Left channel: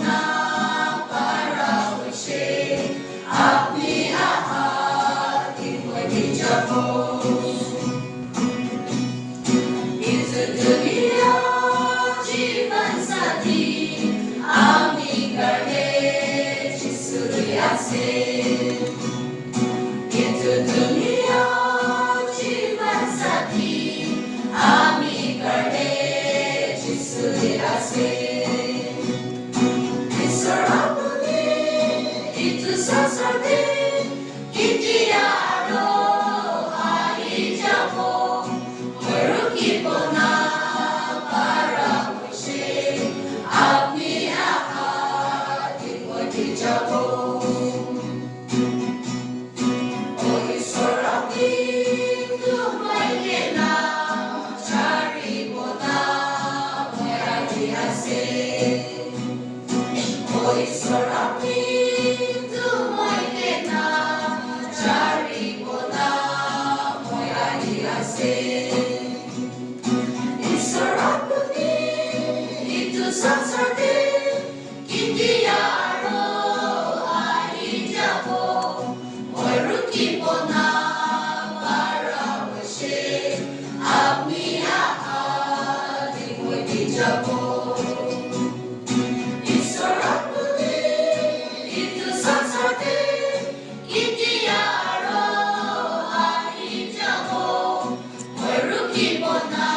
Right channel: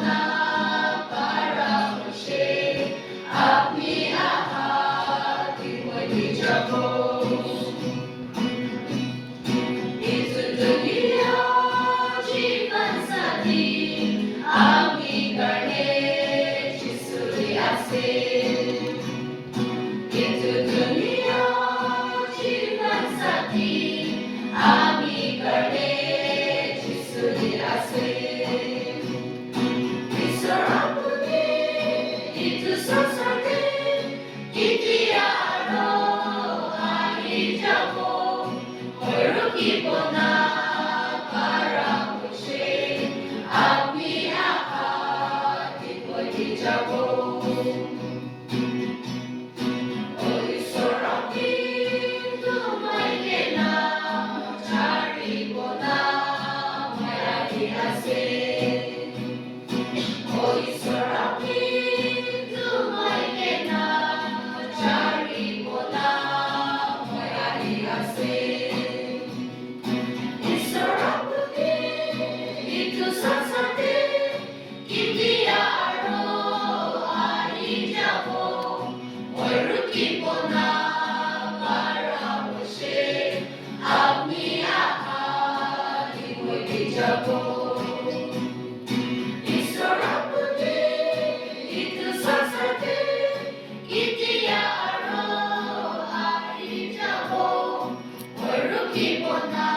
na para muli আপনি ahatin mo'y dijabo. Itu dunia जीवन साथी आम्ही गणेश सूर्याचे itu dunia जीवन साथी आम्ही गणेश सूर्याचे Isorapuni itu sasate kitiado ahijabo Merukipo na para muli আপনি ahatin mo'y dijabo. Oy sorapin tumay kena cari bona may adiase Oy sorapin tumay kena cari bona may adiase Isorapuni itu sasate kitiaro ahijabo Merukipo na para muli আপনি ahatin mo'y dijabo. Isorapuni itu sasate kitiaro ahijabo Merukipo na